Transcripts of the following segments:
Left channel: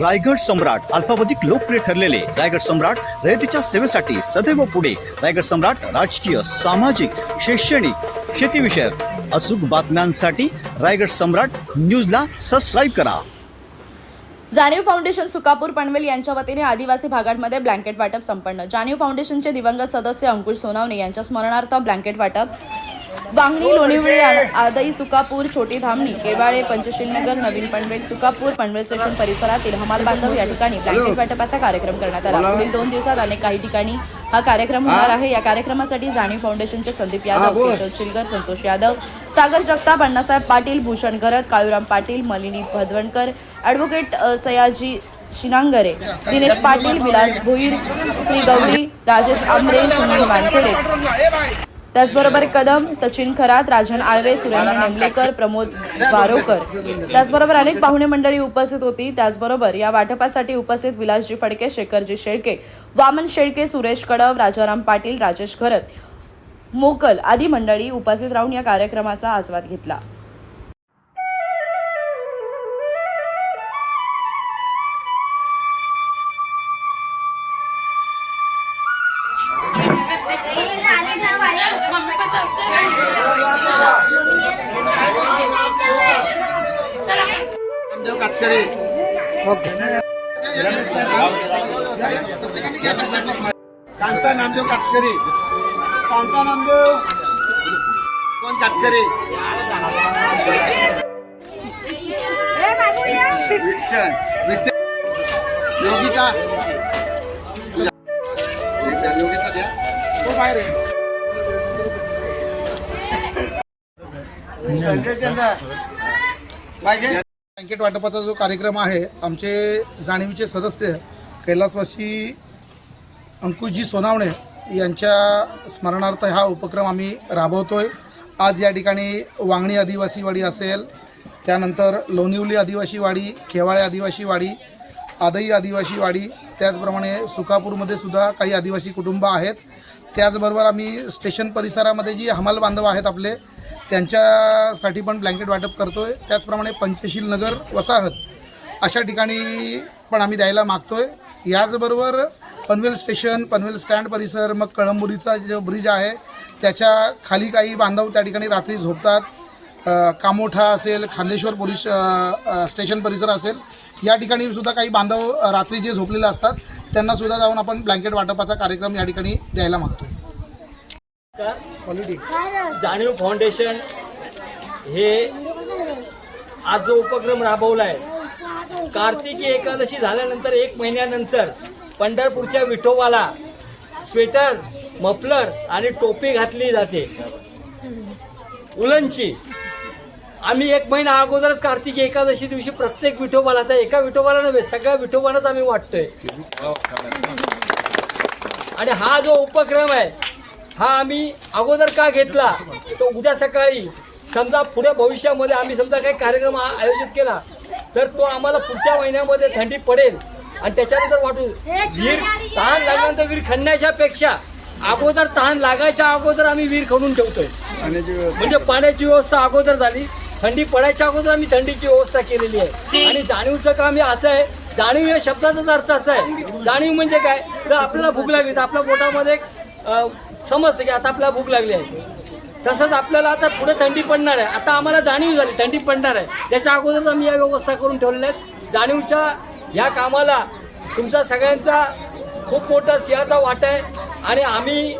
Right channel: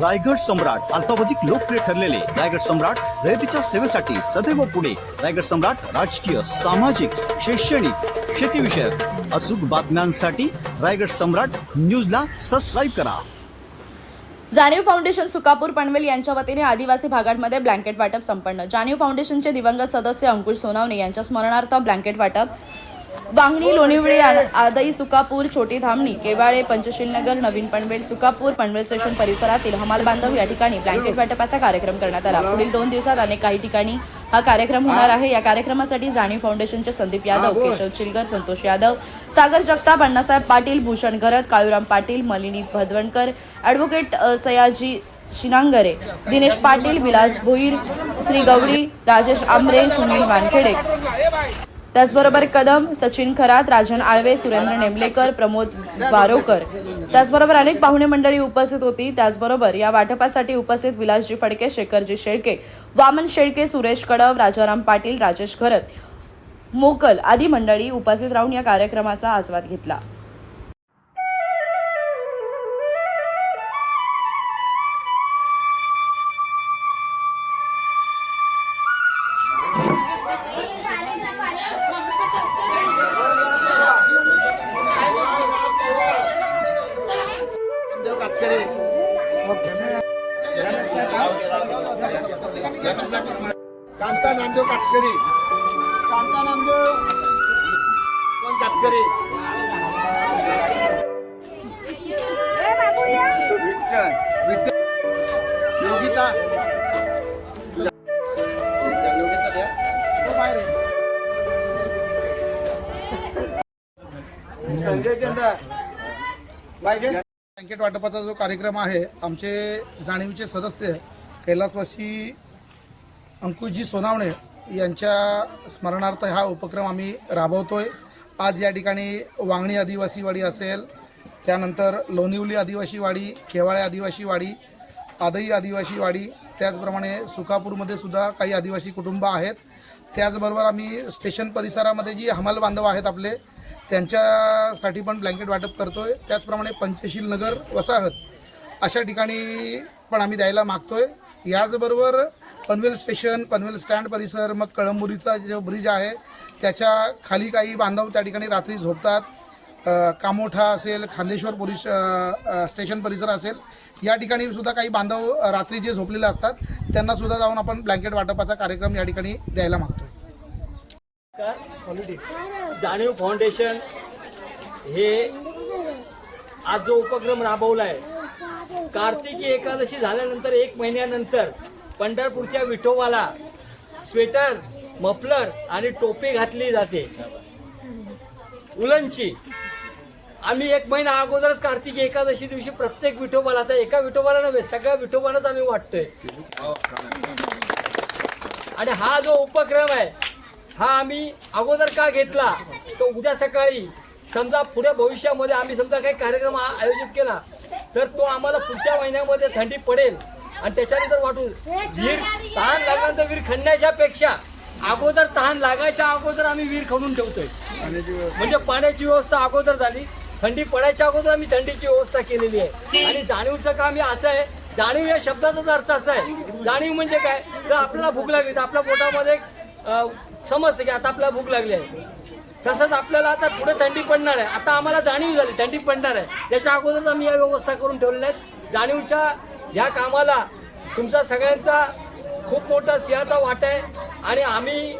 रायगड सम्राट अल्पावधिक लोकप्रिय ठरलेले रायगड सम्राट रयतेच्या सेवेसाठी सदैव पुढे. रायगड सम्राट राजकीय सामाजिक शैक्षणिक शेतीविषयक अचूक बातम्यांसाठी रायगड सम्राट न्यूजला सबस्क्राईब करा. जाणीव फाउंडेशन सुकापूर पनवेल यांच्या वतीने आदिवासी भागांमध्ये ब्लँकेट वाटप संपन्न. जाणीव फाउंडेशनचे दिवंगत सदस्य अंकुश सोनावणे यांच्या स्मरणार्थ ब्लँकेट वाटप वांगणी लोणिवळी आदई सुकापूर छोटी धामणी केवाळे पंचशील नगर नवीन पनवेल सुकापूर पनवेल स्टेशन परिसरातील हमाल बांधव या ठिकाणी ब्लँकेट वाटपाचा कार्यक्रम करण्यात आला. पुढील दोन दिवसात अनेक काही ठिकाणी हा कार्यक्रम होणार आहे. या कार्यक्रमासाठी जाणीव फाउंडेशनचे संदीप यादव केशव चिलगर संतोष यादव सागर जगताप अण्णासाहेब पाटील भूषण घरत काळूराम पाटील मलिनी भदवणकर ॲडव्होकेट सयाजी शिनांगरे दिनेश पाटील विलास भोईर श्री गौरी राजेश आंबरे सुनील वानखेडे. त्याचबरोबर कदम सचिन खरात राजन आळवे सुरेंद्र नेमलेकर प्रमोद वारोकर. त्याचबरोबर अनेक पाहुणे मंडळी उपस्थित होती. त्याचबरोबर या वाटपासाठी उपस्थित विलासजी फडके शेखरजी शेळके वामन शेळके सुरेश कडव राजाराम पाटील राजेश घरत मोकल आदी मंडळी उपस्थित राहून या कार्यक्रमाचा आस्वाद घेतला. कांता नामदेव कातकरे कांता नामदेव. कोण कातकरे विठ्ठल. विठ्ठल. योगिता. संजय चंदा बँकेट वाटपाचा जो कार्यक्रम आहे आमचे जाणीवीचे सदस्य कैलासवासी अंकुशजी सोनावणे यांच्या स्मरणार्थ हा उपक्रम आम्ही राबवतोय. आज या ठिकाणी वांगणी आदिवासी वाडी असेल त्यानंतर लोणिवली आदिवासी वाडी खेवाळे आदिवासी वाडी आदई आदिवासी वाडी त्याचप्रमाणे सुकापूरमध्ये सुद्धा काही आदिवासी कुटुंब आहेत. त्याचबरोबर आम्ही स्टेशन परिसरामध्ये जी हमाल बांधव आहेत आपले त्यांच्यासाठी पण ब्लँकेट वाटप करतो आहे त्याचप्रमाणे पंचशील नगर वसाहत अशा ठिकाणी पण आम्ही द्यायला मागतो आहे याचबरोबर पनवेल स्टेशन पनवेल स्टँड परिसर मग कळंबुरीचा जो ब्रिज आहे त्याच्याखाली काही बांधव त्या ठिकाणी रात्री झोपतात. कामोठा असेल खांदेश्वर पोलीस स्टेशन परिसर असेल या ठिकाणी सुद्धा काही बांधव रात्री जे झोपलेले असतात त्यांना सुद्धा जाऊन आपण ब्लँकेट वाटपाचा कार्यक्रम या ठिकाणी द्यायला मागतोय. जाणीव फाउंडेशन हे आज जो उपक्रम राबवला आहे कार्तिकी एकादशी झाल्यानंतर एक महिन्यानंतर पंढरपूरच्या विठोबाला स्वेटर मफलर आणि टोपी घातली जाते. उलनची आम्ही एक महिना अगोदरच कार्तिकी एकादशी दिवशी प्रत्येक विठोबाला आता एका विठोबाला नव्हे सगळ्या विठोबालाच आम्ही वाटतोय. आणि हा जो उपक्रम आहे हा आम्ही अगोदर का घेतला तो उद्या सकाळी समजा पुढे भविष्यामध्ये आम्ही समजा काही कार्यक्रम आयोजित केला तर तो आम्हाला पुढच्या महिन्यामध्ये थंडी पडेल. आणि त्याच्यानंतर वाटू वीर तहान लागल्यानंतर वीर खणण्याच्या पेक्षा अगोदर तहान लागायच्या अगोदर आम्ही वीर खणून ठेवतोय. म्हणजे पाण्याची व्यवस्था अगोदर झाली. थंडी पडायच्या अगोदर आम्ही थंडीची व्यवस्था केलेली आहे. आणि जाणीवचं काम हे असं आहे. जाणीव या शब्दाचाच अर्थ असा आहे. जाणीव म्हणजे काय? तर आपल्याला भूक लागली तर आपल्या पोटामध्ये समजतं की आता आपल्याला भूक लागली आहे. तसंच आपल्याला आता पुढे थंडी पडणार आहे. आता आम्हाला जाणीव झाली थंडी पडणार आहे. त्याच्या अगोदरच आम्ही या व्यवस्था करून ठेवलेल्या आहेत. जाणीवच्या ह्या कामाला तुमचा सगळ्यांचा खूप मोठा सिंहाचा वाटा आहे आणि आम्ही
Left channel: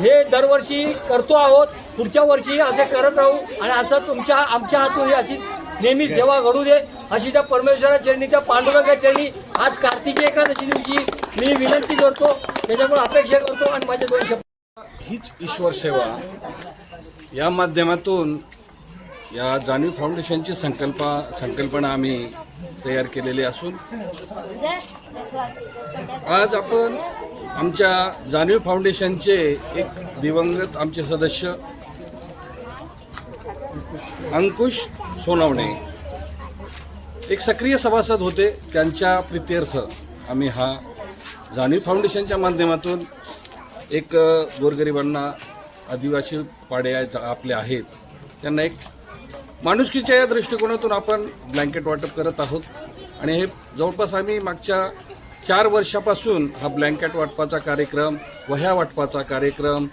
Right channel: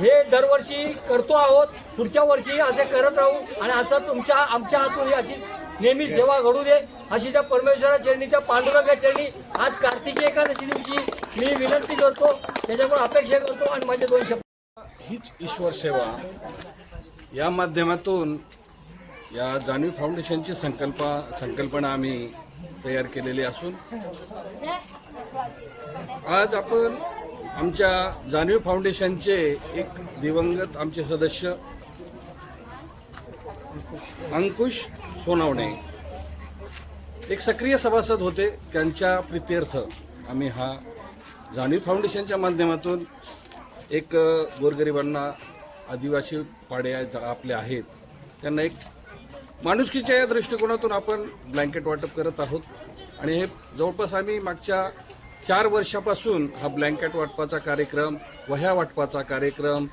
हे दरवर्षी करतो आहोत. पुढच्या वर्षी असे करत राहू आणि असं तुमच्या आमच्या हातून अशीच नेहमी सेवा घडू दे. अशी त्या परमेश्वरा चरणी त्या पांडुरंगा चरणी आज कार्तिकी एकादशी दिवशी मी विनंती करतो त्याच्यामुळे अपेक्षा करतो आणि माझ्या हीच ईश्वर सेवा या माध्यमातून या जाणीव फाउंडेशनची संकल्पा संकल्पना आम्ही तयार केलेली असून आज आपण आमच्या जाणीव फाउंडेशनचे एक दिवंगत आमचे सदस्य अंकुश सोनावणे. एक सक्रिय सभासद होते त्यांच्या प्रित्यर्थ आम्ही हा जाणीव फाउंडेशनच्या माध्यमातून एक गोरगरिबांना आदिवासी पाड्या आपले आहेत त्यांना एक माणुसकीच्या या दृष्टिकोनातून आपण ब्लँकेट वाटप करत आहोत. आणि हे जवळपास आम्ही मागच्या चार वर्षापासून हा ब्लँकेट वाटपाचा कार्यक्रम वह्या वाटपाचा कार्यक्रम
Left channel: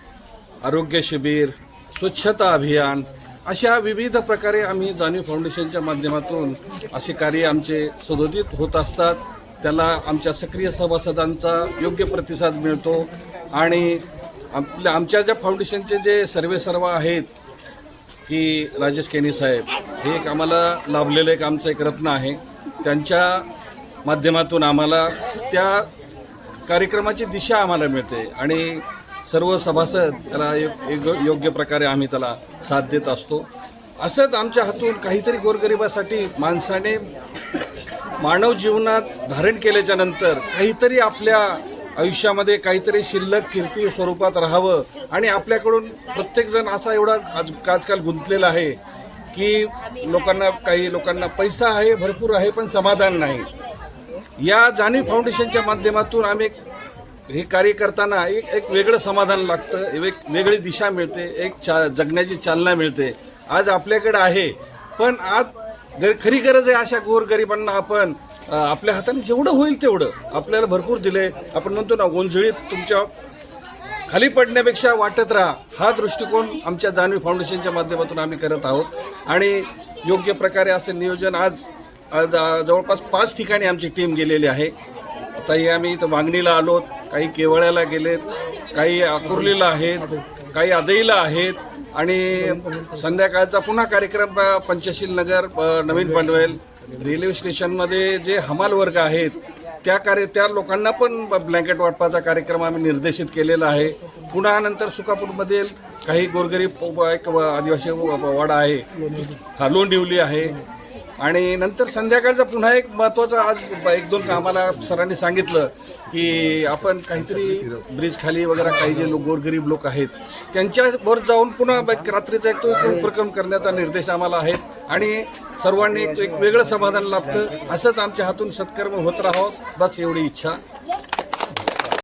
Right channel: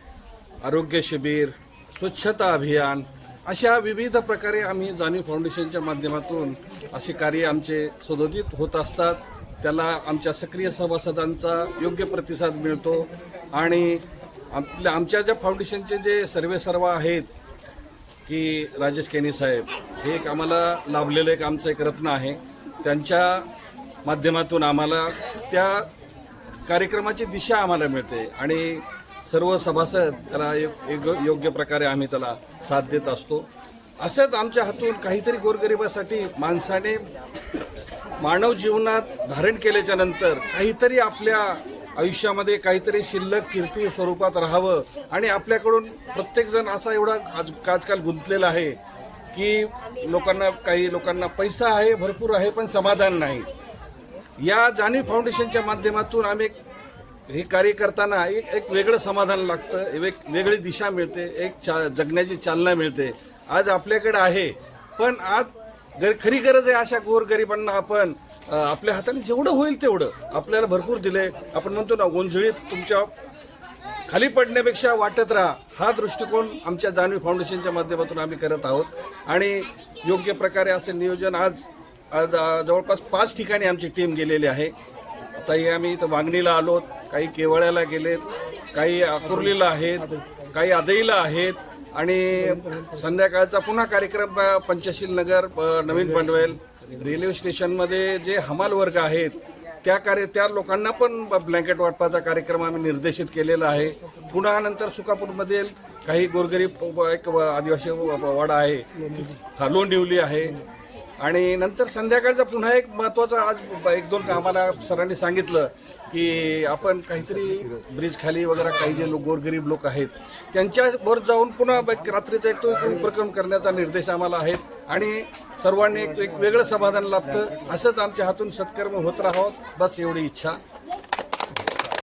आरोग्य शिबिर स्वच्छता अभियान अशा विविध प्रकारे आम्ही जाणीव फाउंडेशनच्या माध्यमातून असे कार्य आमचे सदोदित होत असतात. त्याला आमच्या सक्रिय सभासदांचा योग्य प्रतिसाद मिळतो. आणि आपल्या आमच्या ज्या फाउंडेशनचे जे सर्वेसर्वा आहेत की राजेश केनी साहेब हे एक आम्हाला लाभलेलं एक आमचं एक रत्न आहे. त्यांच्या माध्यमातून आम्हाला त्या कार्यक्रमाची दिशा आम्हाला मिळते. आणि सर्व सभासद त्याला एक- एक योग्य प्रकारे आम्ही त्याला साथ देत असतो. असंच आमच्या हातून काहीतरी गोरगरिबासाठी माणसाने मानव जीवनात धारण केल्याच्यानंतर काहीतरी आपल्या आयुष्यामध्ये काहीतरी शिल्लक कीर्ती स्वरूपात राहावं आणि आपल्याकडून प्रत्येकजण असा एवढा आज आजकाल गुंतलेला आहे की लोकांना काही लोकांना पैसा आहे भरपूर आहे पण समाधान नाही. या जाणीव फाउंडेशनच्या माध्यमातून आम्ही हे कार्य करताना एक एक वेगळं समाधान लागतं एक वेगळी दिशा मिळते एक चा जगण्याची चालना मिळते. आज आपल्याकडे आहे पण आज खरी गरज आहे अशा गोरगरिबांना आपण आपल्या हाताने जेवढं होईल तेवढं आपल्याला भरपूर दिले. आपण म्हणतो ना गोंधळीत तुमच्या खाली पडण्यापेक्षा वाटत राहा. हा दृष्टिकोन आमच्या जानवी फाउंडेशनच्या माध्यमातून आम्ही करत आहोत. आणि योग्य प्रकारे असे नियोजन आज जवळपास पाच ठिकाणी आमची टीम गेलेली आहे. आताही आम्ही इथं वांगणीला आलोत. काही केवळ्याला गेलेत. काही आकुर्लीला आहेत. काही आदईला आहेत आणि संध्याकाळचा पुन्हा कार्यक्रम पंचशील नगर नवीन पनवेल रेल्वे स्टेशनमध्ये जे हमाल वर्ग आहेत त्या कार्य त्या लोकांना पण ब्लँकेट वाटपाचा कार्यक्रम आम्ही निर्देशित केलेला आहे. पुन्हा नंतर सुकापूरमधील काही गोरगरीब एक आदिवासी वाडा आहे. हा लोंडिवली आहे. आणि नंतर संध्याकाळचा पुन्हा एक महत्त्वाचा आज एक दोन आम्हाला सरांनी सांगितलं की आपण काहीतरी ब्रिज खाली वगैरे काही जे लोक गोरगरीब लोक आहेत त्यांच्यावर जाऊन पुन्हा रात्रीचा एक तो उपक्रम करण्याचा निर्देश आम्हाला आहे. आणि सर्वांनी एक एक वेगळं समाधान लाभतं असंच आमच्या हातून सत्कर्म होत राहावं बस एवढी इच्छा.